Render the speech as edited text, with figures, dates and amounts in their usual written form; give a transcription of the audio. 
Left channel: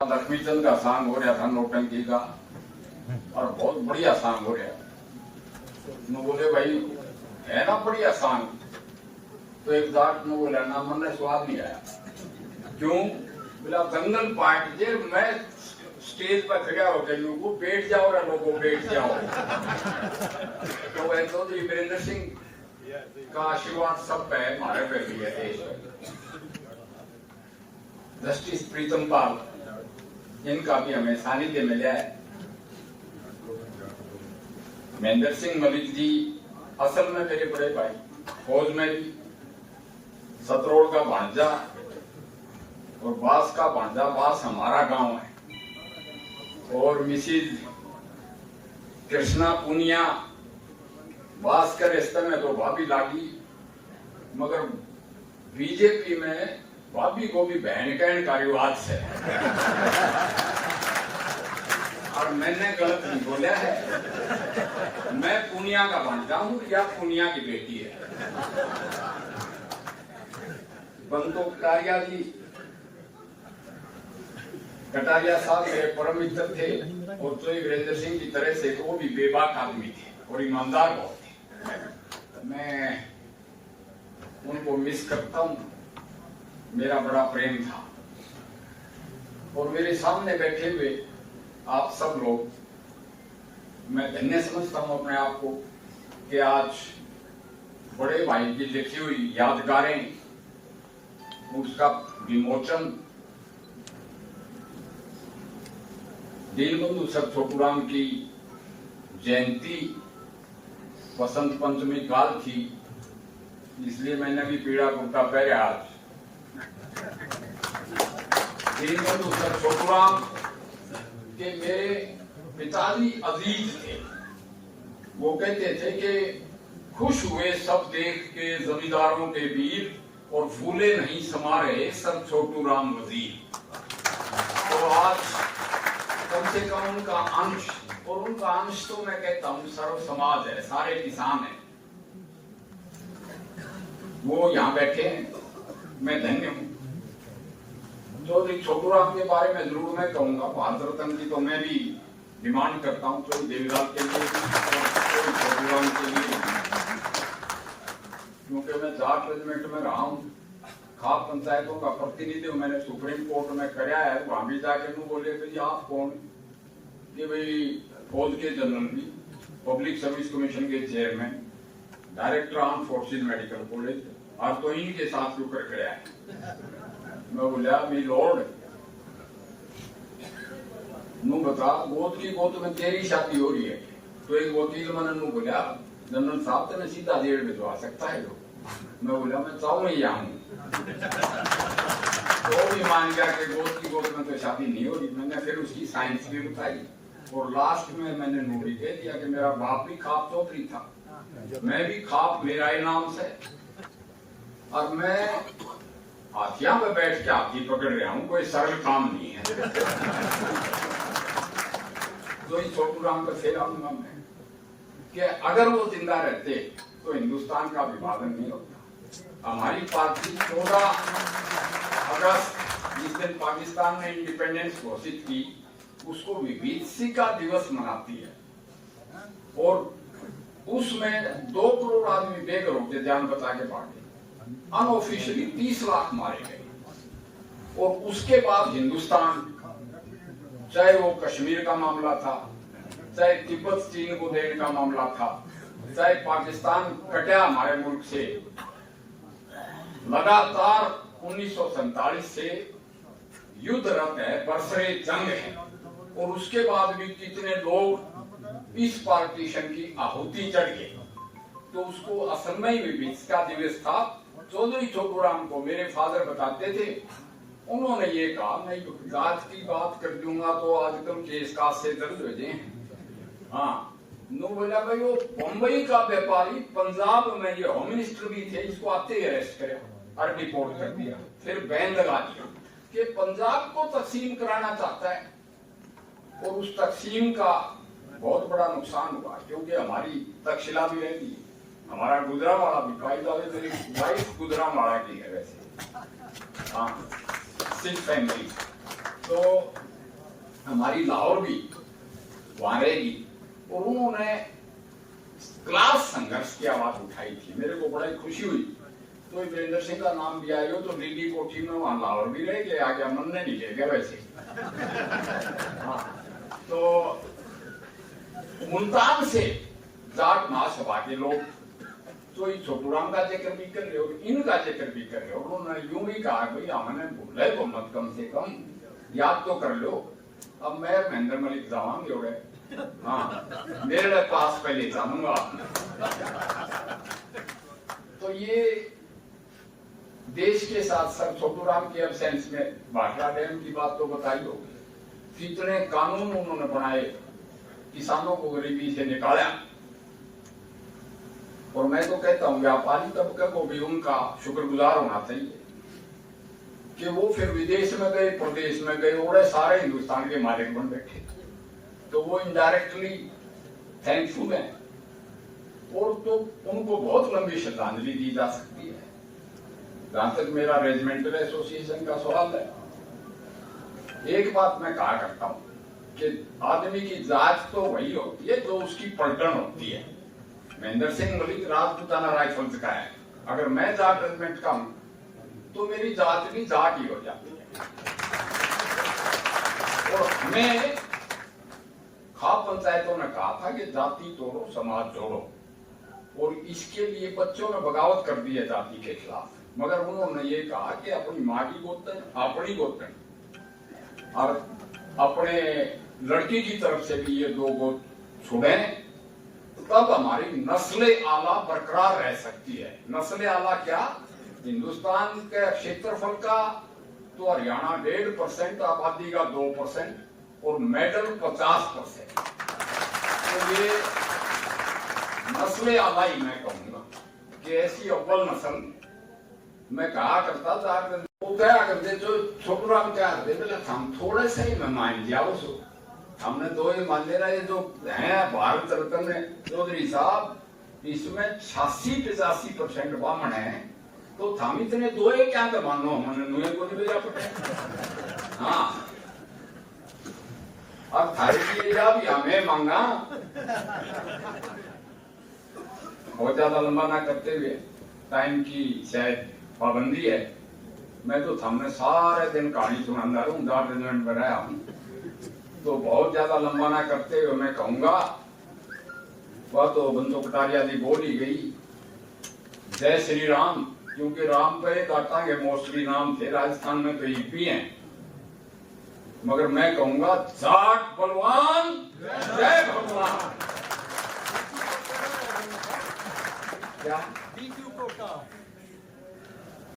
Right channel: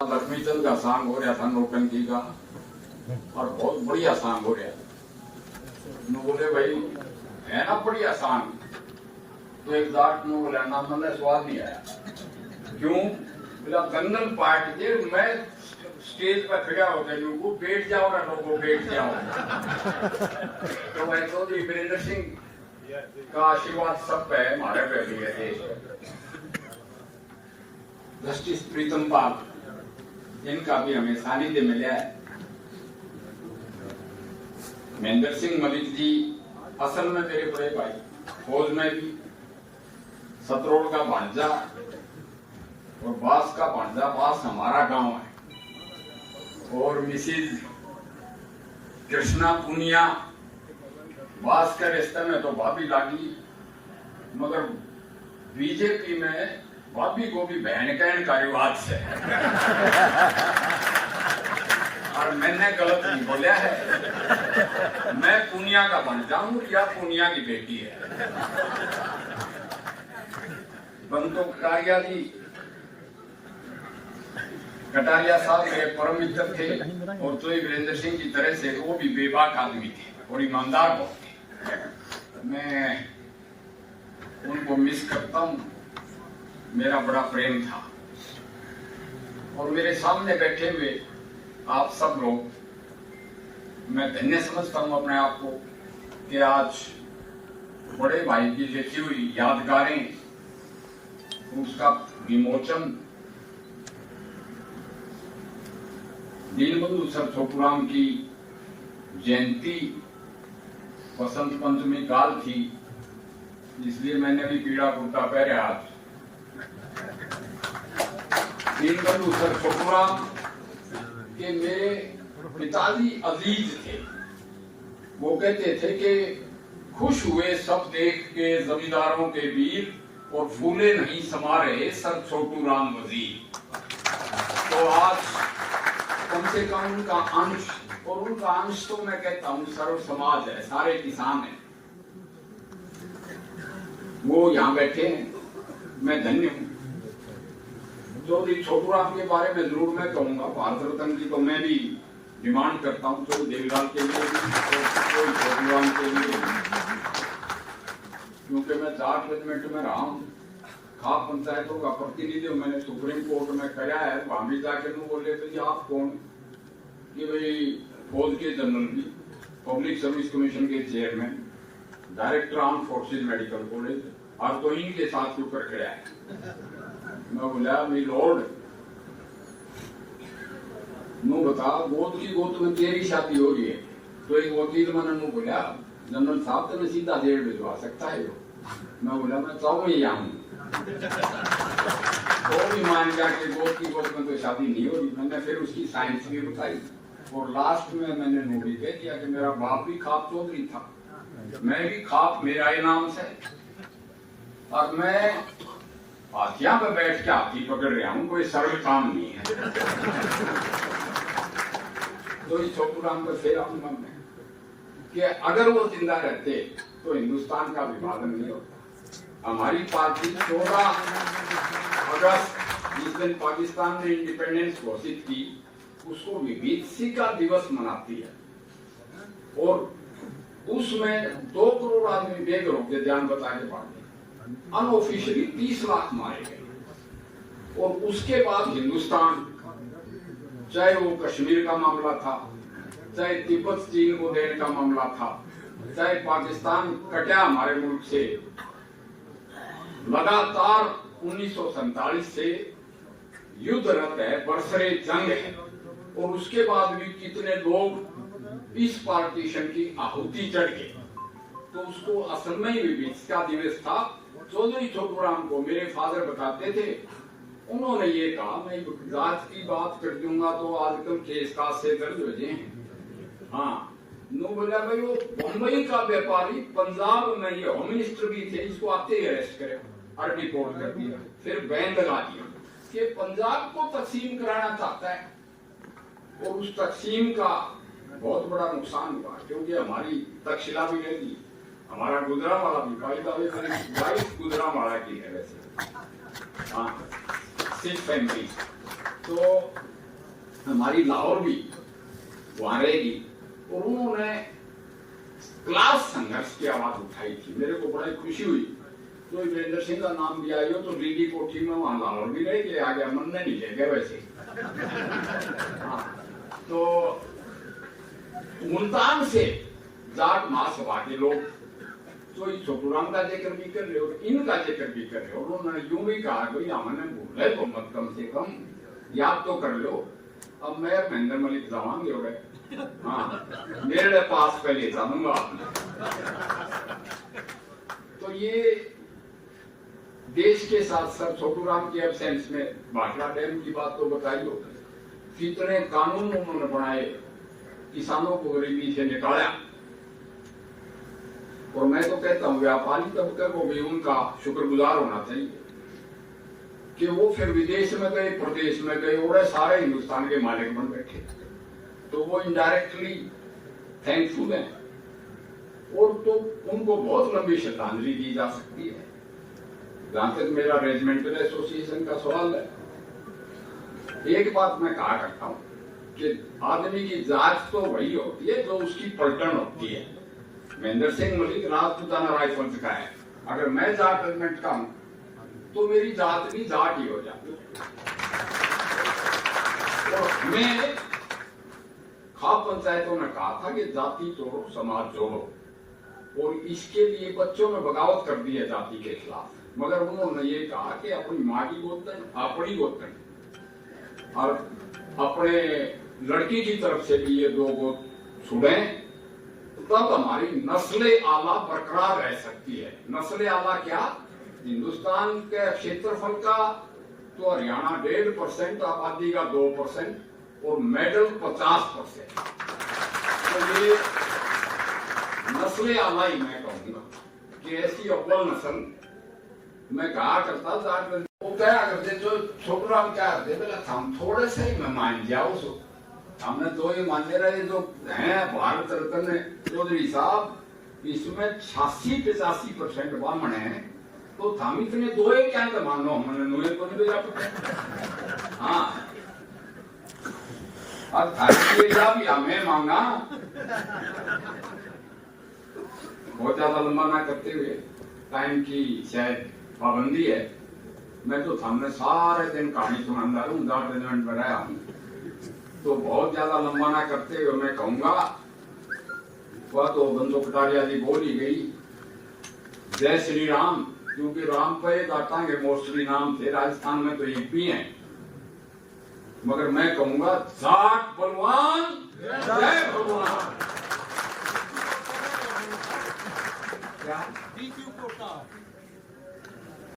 लक्ष्मीचंद का सॉन्ग हो रहा था नौटंकी का और बहुत बढ़िया सॉन्ग हो रहा। बोले भाई है ना बढ़िया सॉन्ग, तो एक दाट में बोला ना मन स्वाद नहीं आया। क्यों? बोला दंगल पार्ट जे मैं स्टेज पर खड़ा होते को बैठ जाओ ना, लोगों बैठ जाओ। तो वह तो वीरेंद्र सिंह का आशीर्वाद सब है हमारे पे भी है देश पे। जस्टिस प्रीतम पाल इनका भी हमें सानिध्य मिला है। महेंद्र सिंह मलिक जी असल में मेरे बड़े भाई, फौज में भी, सतरोड़ का भांजा और बास का भांजा, बास हमारा गांव है। और मिसिज कृष्णा पुनिया बास के रिश्ते में तो भाभी लागी, मगर बीजेपी में भाभी को भी बहन कहने का रिवाज से और मैंने गलत नहीं बोला है। मैं पुनिया का भांजा हूं या पुनिया की बेटी है। बंतो कटारिया जी, कटारिया साहब मेरे परम मित्र थे और तो वीरेंद्र सिंह की तरह से वो भी बेबाक आदमी थे और ईमानदार बहुत थे। मैं उनको मिस करता हूं। मेरा बड़ा प्रेम था। और मेरे सामने बैठे हुए आप सब लोग, मैं धन्य समझता हूं अपने आप को कि आज बड़े भाई की लिखी हुई यादगारें, उसका विमोचन दीनबंधु सर छोटूराम की जयंती वसंत पंचमी काल थी, इसलिए मैंने भी पीड़ा कुर्ता पहने। आज दीनबंधु सर छोटूराम के मेरे पिताजी अजीज थे। वो कहते थे कि खुश हुए सब देख के जमींदारों के वीर, और फूले नहीं समा रहे सर छोटूराम वजीर। तो आज कम से कम उनका अंश, और उनका अंश तो मैं कहता हूं सर्व समाज है, सारे किसान हैं, वो यहाँ बैठे हैं। मैं धन्य हूं। चौधरी छोटूराम के बारे में जरूर मैं कहूंगा। भारत रत्न की तो मैं भी डिमांड करता हूं, तो देवीलाल के लिए, तो छोटूराम के लिए, क्योंकि मैं 4 रेजिमेंट में रहा हूं, खाप पंचायतों का प्रतिनिधि हूं। मैंने सुप्रीम कोर्ट में कराया है। वहां भी जाके तुम बोले तो जी आप कौन? कि भाई फौज के जनरल भी, पब्लिक सर्विस कमीशन के chairman, director arm forces medical college, और तो इनके साथ क्यों कर गया है? मैं बोला मी लॉर्ड नू बता, गोद की गोद में तेरी शादी हो रही है। तो एक वकील मैंने नू बोला जनरल साहब तो मैं सीधा 1.5 भिजवा सकता है वो। मैं बोला मैं चाहूँ ही आऊँ। वो भी मान गया कि गोद की गोद में तो शादी नहीं हो रही। मैंने फिर उसकी साइंस भी बताई और लास्ट में मैंने नू भी कह दिया कि मेरा बाप भी खाप चौधरी था, मैं भी खाप मेरा ही नाम से, और मैं हाथिया में बैठ के हाथी पकड़ रहा हूं, कोई सरल काम नहीं है। तो इस छोटूराम पर फिर आऊंगा मैं कि अगर वो जिंदा रहते तो हिंदुस्तान का विभाजन नहीं होता। हमारी पार्टी 14 अगस्त जिस दिन पाकिस्तान ने इंडिपेंडेंस घोषित की, उसको विभीषिका दिवस मनाती है, और उसमें 2 करोड़ आदमी बेघर हो गए, ध्यान बचा के पार्टी अनऑफिशियली 30 लाख मारे गए। और उसके बाद हिंदुस्तान, चाहे वो कश्मीर का मामला था, चाहे तिब्बत चीन को देने का मामला था, चाहे पाकिस्तान कटा हमारे मुल्क से, लगातार 1947 से युद्धरत है, बरसरे जंग है। और उसके बाद भी कितने लोग इस पार्टीशन की आहुति चढ़ गए। तो उसको असल में ही विभीषिका दिवस था। चौधरी छोटूराम को मेरे फादर बताते थे, उन्होंने ये कहा मैं जात की बात कर दूंगा तो आजकल केस काज से दर्ज हो जाए। हाँ, नो बोला भाई वो मुंबई का व्यापारी पंजाब में ये होम मिनिस्टर भी थे, इसको आते ही अरेस्ट करे और रिपोर्ट कर दिया, फिर बैन लगा दिया कि पंजाब को तकसीम कराना चाहता है। और उस तकसीम का बहुत बड़ा नुकसान हुआ, क्योंकि हमारी तक्षशिला भी रहेगी, हमारा गुजरांवाला भी, वाइफ गुजरांवाला की है वैसे। हाँ, सिख फैमिली तो हमारी लाहौर भी वहां रहेगी, और उन्होंने क्लास संघर्ष की आवाज उठाई थी। मेरे को बड़ी खुशी हुई। तो वीरेंद्र सिंह का नाम भी आयो तो लीली कोठी में वहां लाहौर भी रह गया, आ गया, मन ने नहीं ले गया वैसे। हाँ, तो मुल्तान से जाट महासभा के लोग तो छोटूराम का जिक्र भी कर रहे हो, इनका जिक्र भी कर रहे हो। उन्होंने यूं भी कहा भाई हमने भूले तो मत, कम से कम याद तो कर लो। अब मैं महेंद्र मलिक जावांगे हो गए, हाँ मेरे पास पहले जानूंगा। तो ये देश के साथ साथ छोटूराम की एब्सेंस में भाखड़ा डैम की बात तो बताई हो, कितने कानून उन्होंने बनाए, किसानों को गरीबी से निकाला। और मैं तो कहता हूं व्यापारी तबके को भी उनका शुक्रगुजार होना चाहिए कि वो फिर विदेश में गए, प्रदेश में गए, और सारे हिंदुस्तान के मालिक बन बैठे। तो वो इनडायरेक्टली थैंकफुल हैं, और तो उनको बहुत लंबी श्रद्धांजलि दी जा सकती है। जहां तक मेरा रेजिमेंटल एसोसिएशन का सवाल है, एक बात मैं कहा करता हूं कि आदमी की जात तो वही होती है जो उसकी पलटन होती है। महेंद्र सिंह मलिक राजपूताना राइफल्स का है, अगर मैं जाट रेजिमेंट का हूं तो मेरी जात भी जाट ही हो जाती है। और हमें खाप पंचायतों ने कहा था कि जाति तोड़ो समाज जोड़ो, और इसके लिए बच्चों में बगावत कर दी है जाति के खिलाफ। मगर उन्होंने ये कहा कि अपनी माँ की गोतन, अपनी गोतन, और अपने लड़की की तरफ से भी ये दो गोद छुड़े, तब हमारी नस्ले आला बरकरार रह सकती है। नस्ले आला क्या? हिंदुस्तान के क्षेत्रफल का तो हरियाणा 1.5% आबादी का 2% और मेडल 50%। तो ये नस्ले आला ही मैं कहूंगा कि ऐसी अव्वल नस्ल मैं कहा करता था। वो क्या करते, जो छोटूराम क्या करते, बोले हम थोड़े से ही मैं मान जाओ सो, हमने दो ही मान ले रहे जो है भारत रत्न चौधरी साहब, इसमें 86-85% ब्राह्मण है, तो हम इतने दो ही क्या तो मानो, हमने नुए को नहीं भेजा पड़े। हाँ, और थारी भी हमें मांगा। बहुत ज्यादा लंबा ना करते हुए, टाइम की शायद पाबंदी है, मैं तो सामने सारे दिन कहानी सुनाता रहूं, जाट रेजिमेंट बनाया हूं, तो बहुत ज्यादा लंबा ना करते हुए मैं कहूंगा, वह तो बंदो कटारिया जी बोल ही गई, जय श्री राम, क्योंकि राम पे दाता के मोस्टली नाम थे, राजस्थान में तो यूपी हैं, मगर मैं कहूंगा जाट बलवान जय भगवान। क्या